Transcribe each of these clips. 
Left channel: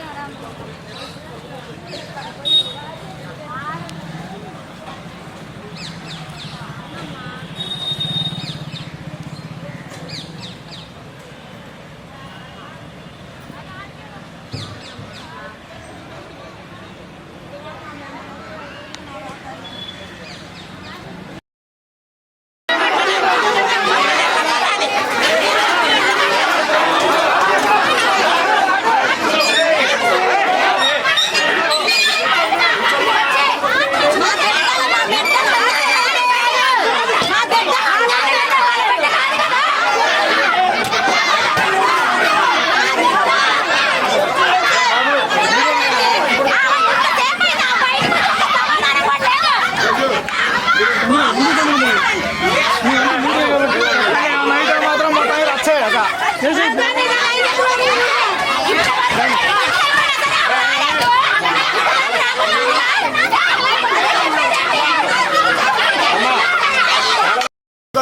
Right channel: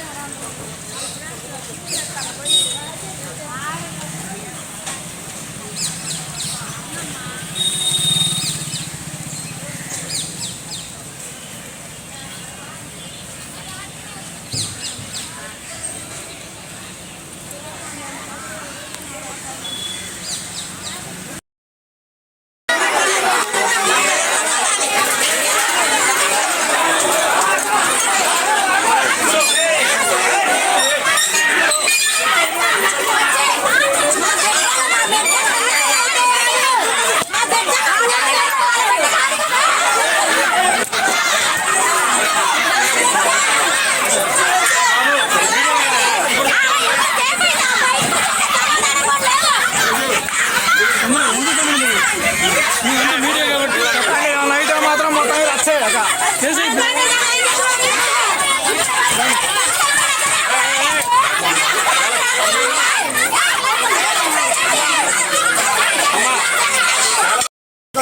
Thank you.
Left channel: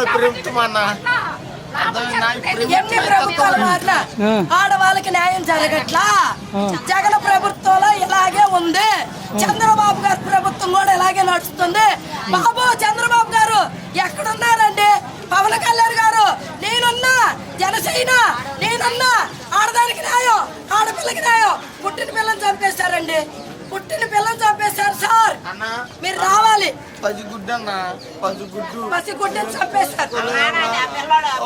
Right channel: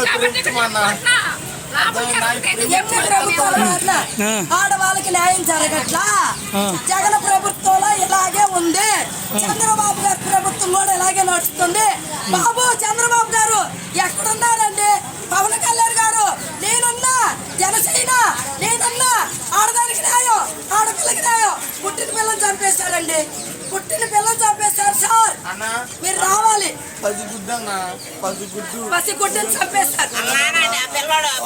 ప్రభుత్వం అన్న ఎన్ని ప్రభుత్వాలు ఆ. ఆడవాళ్ళకి న్యాయం జరగట్లా. జగన్ ప్రభుత్వంలో ఇలాగే ఉంది. చంద్రబాబు గారి ప్రభుత్వం కూడా ఇలాగే నడుస్తుంది. బాబు చంద్రబాబు గారు ఎక్కడున్నారండి? పవన్ కళ్యాణ్ గారు నేనున్నా జనసేన నేనున్నా ఆడదానికి న్యాయం ఆడపిల్లకి న్యాయం. పుట్టిన పిల్లని చంపేశారండి. పుట్టిన పిల్లని చంపేశారు సార్. అన్న. మీరు రావాలి. పది గుడ్డు అన్న పది గుడ్డు పసి గుడ్డిని చంపేశారు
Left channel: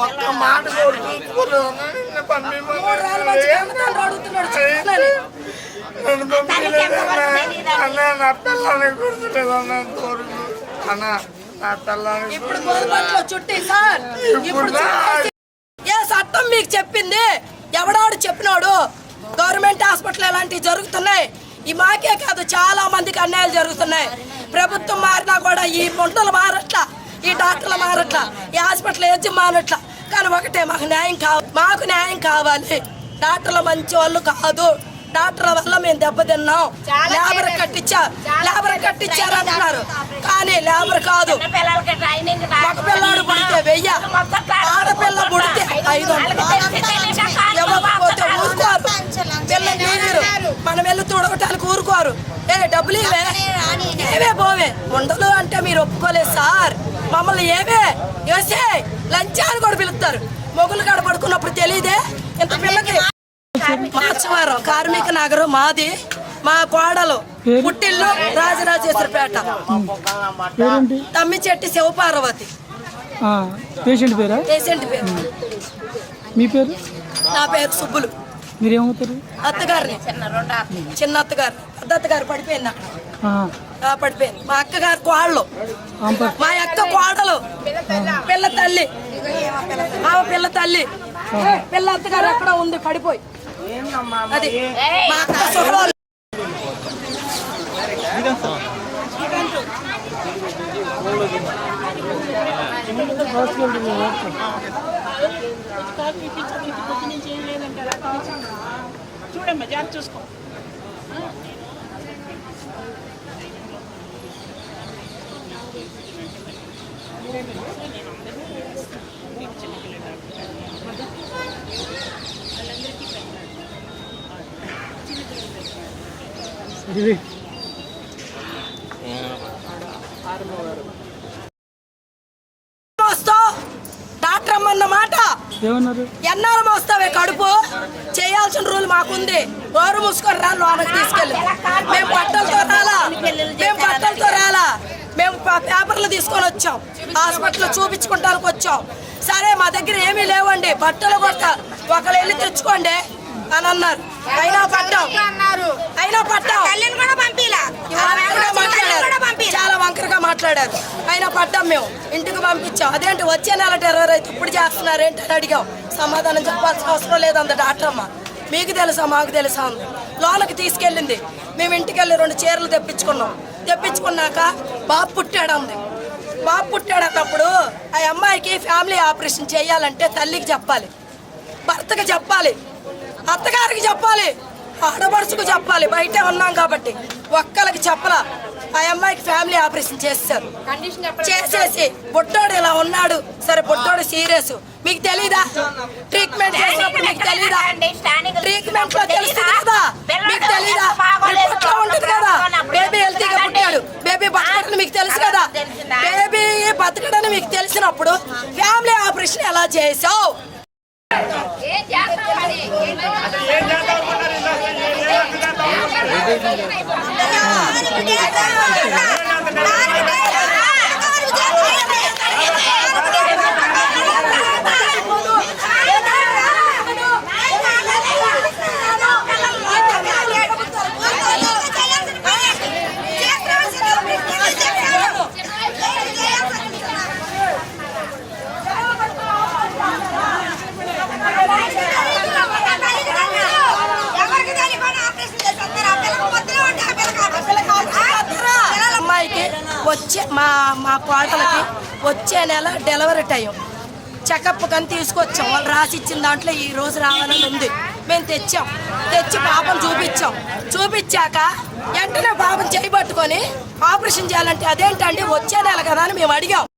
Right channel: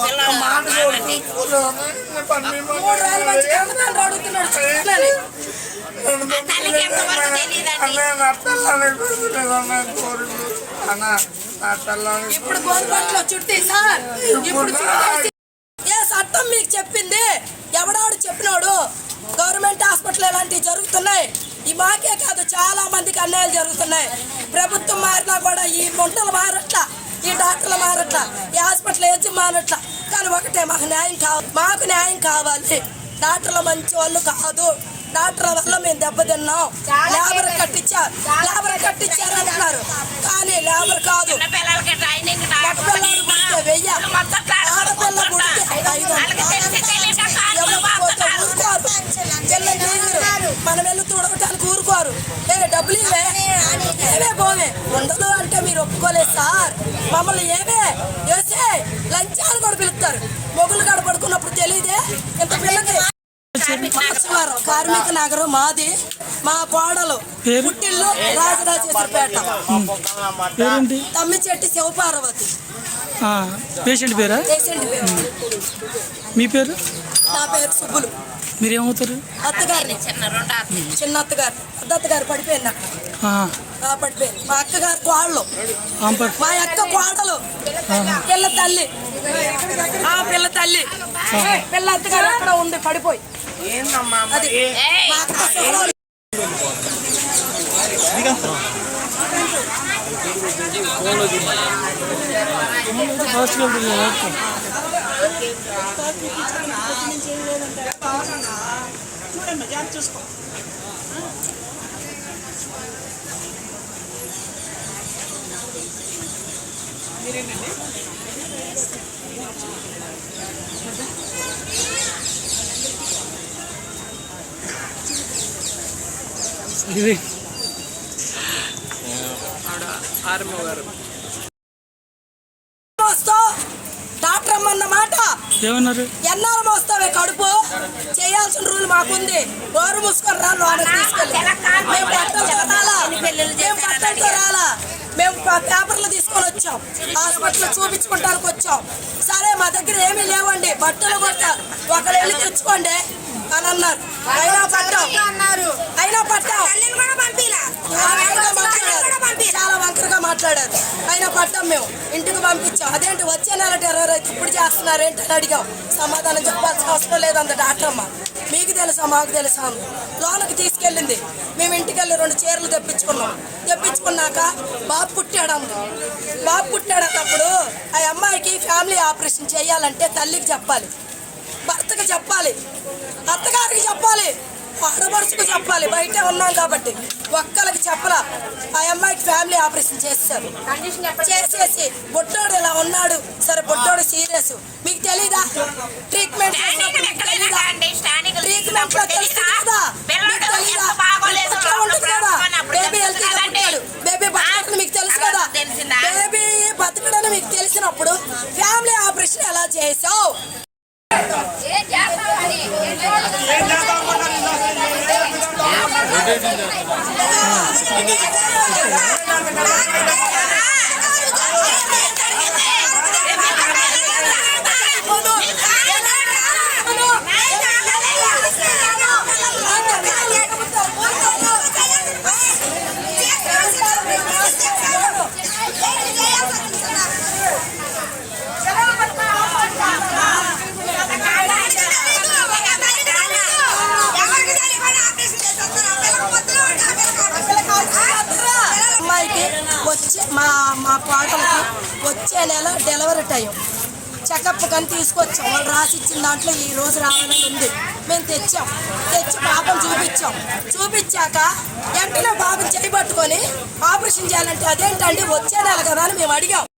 ఒక్క మాట అన్న. నా పిల్లని గుర్తులేదు అన్న కోరిక. అన్న నా పిల్లని ఇప్పుడు ఏ చట్టం మీకు చెప్పింది. ఎవడాడు చెప్పినాడు? గవర్నమెంట్ హాస్పిటల్ ఇలాంటివి జరుగుతున్నాయి. ఈ మాకే కాదు చాలా మందికి అన్యాయాలు జరుగుతున్నాయి. ప్రభుత్వం మారినా కూడా ఈ ముంటలు మారట్లా ఈ డాక్టర్లు మారట్లా ఈ హాస్పిటల్ ఏజ్ మారట్లా. కానీ ఒకటే మాకు న్యాయం కావాలి మాకు న్యాయం కావాలి. డాక్టర్లు మంచి వాళ్ళు కాదు. డాక్టర్ల వల్ల మేము దెబ్బతిన్నాం. లేబర్ కట్టించారు లేబర్ కట్టించారు అంటున్నారు. కానీ లేబర్ కాదు. మగ పిల్లాడు పుడితే వెయ్య ఆడపిల్ల పుడితే ఐదు వందలు. ఇవ్వకపోతే ఊరుకోరు. పిల్ల నీరు మనం వెళ్ళి తుడగటానికి ఊరుకోరు ఏ డబ్బులు ఇవే ఏవే పోవే? ఉండదు అంటే మీరు ఒప్పుకోలేదు సార్. మమ్మల్ని ఏవే? వేసే లంచాన్ని కూడా పిలుస్తారు. మొగులు కాడ పడుకున్నప్పుడు తెలియదే ఇంత పిల్లకి మార్చవరం కార్మిక నగరం మాది. మా కోడలు? పుట్టిల్లు రాజరాజేశ్వరపేట. పేరేంటి? తమ్మిచెట్టి శివపార్వతి. ఆ, పేషెంట్ పేరా? పేషెంట్ పేరు. మీ పేరు? నా పేరు సుబ్బులు. మీరేమవుతారు? అత్తగారిని చిన్న అత్తగారు. పెద్ద అత్తగారు పడిపోయింది అక్కడ. పడిపోయింది. మా అక్కగారు కోళ్ళు మా అక్క కోడలు. పిల్ల తల్లి. మా పిల్ల తల్లి. పిల్ల అత్తగారు అక్కడ ఉంది? పడిపోయి. ఏందమ్మా అది మా అక్క చూడండి హాస్పిటల్కి చూసుకో చూడమ్మా జాగ్రత్త చూసుకో ఇది డాక్టర్ అమ్మన్న మాట ఏమన్నారు? ఎన్నాళ్ళు మోస్తావే కడుపు? చేయాల్సిన రూల్ మాకుంది. గోరు మూసుకొని రా లోనకి తీసుకెళ్ళి. మేము బట్టలతో రాలా. మేము బట్టలతో రాలా. మేము పేపర్లు తీసుకొని వచ్చాం. హాస్పిటల్ చూపించుకుంటానికి వచ్చాం. సరే మా దగ్గర ఏమీ లేవండి. బట్టలు కొట్ట ఒకళ్ళు వెళ్ళి తెచ్చుకోండి అని అన్నారు. అయినా పట్టాం. అయినా పట్టాం. మాట్లాడారు. చాలా వంకరగా మాట్లాడారు. పడ్డాం మేము. ఇంటికి పంపించాం. అదేంటి? వచ్చే నెల టెర్రర్ అయితే ఇప్పుడు చేస్తున్నారు ఏంటి అని అడిగాం. సమాధానం చెప్పాల్సిన అవసరం లేదంద డాక్టర్ అమ్మ. మీకు తెలుసా? మాకు తెలుసా అంది. లోనకి తీసుకెళ్ళింది. మేము ఇంటికి వెళ్ళి రెండు చీరలు తెప్పించుకున్నాం. తెప్పించుకున్నాక బాబు పుట్టాడంది బాబు పుట్టాడేటప్పుడు ఆ అమ్మాయికి ఫ్యామిలీ ఆపరేషన్ చేయాలంటే తల్లికి చెప్పాలి. భర్తకి చెప్పాలి. అత్తగారికి చెప్పాలి. ఆడపడుచుకు చెప్పాలి. బయటే ఉన్నాం కాబట్టి ఒక్కరికి చెప్పలా. ఆ అమ్మాయికి ఫ్యామిలీ ఆపరేషన్ చేస్తారు. చేసేసి బొట్టోడు ఇలా ఉన్నాడు. సరే బొట్టోడు సీరియస్ మీకు తెలీదా? ట్రీట్మెంట్ చేసినప్పుడు మీకు తెలీదా? ట్రీట్మెంట్లో తెలుస్తుంది కదా. మీకు తెలీదా? రిపోర్ట్లో ఉంటుంది కదా. బేబీ హెల్తీగా పుట్టాడు. బేబీ బతకడని మీకు తెలుసు కదా. బేబీ బతకడని మీకు తెలిసినప్పుడు ఫ్యామిలీ ఆపరేషన్ ఎలా చేసావు? అమ్మాయికి వచ్చే మా మా కోటలకి వచ్చే నెల డెలివరీ టైం. చెకప్ కానీ తీసుకొచ్చాం. వాళ్ళు రాసి ఇచ్చిన దాంట్లో ఈ రోజు రావాలని ఉంది. మేము తెచ్చాం. తెచ్చి పాపం చూపించాం. చూపించాక వెంటనే పాపం చేయబట్టుకొని ఆపరేషన్ చేయాలంటే అదేంటండి? వచ్చే నెల కదా అని మేము అడిగాం.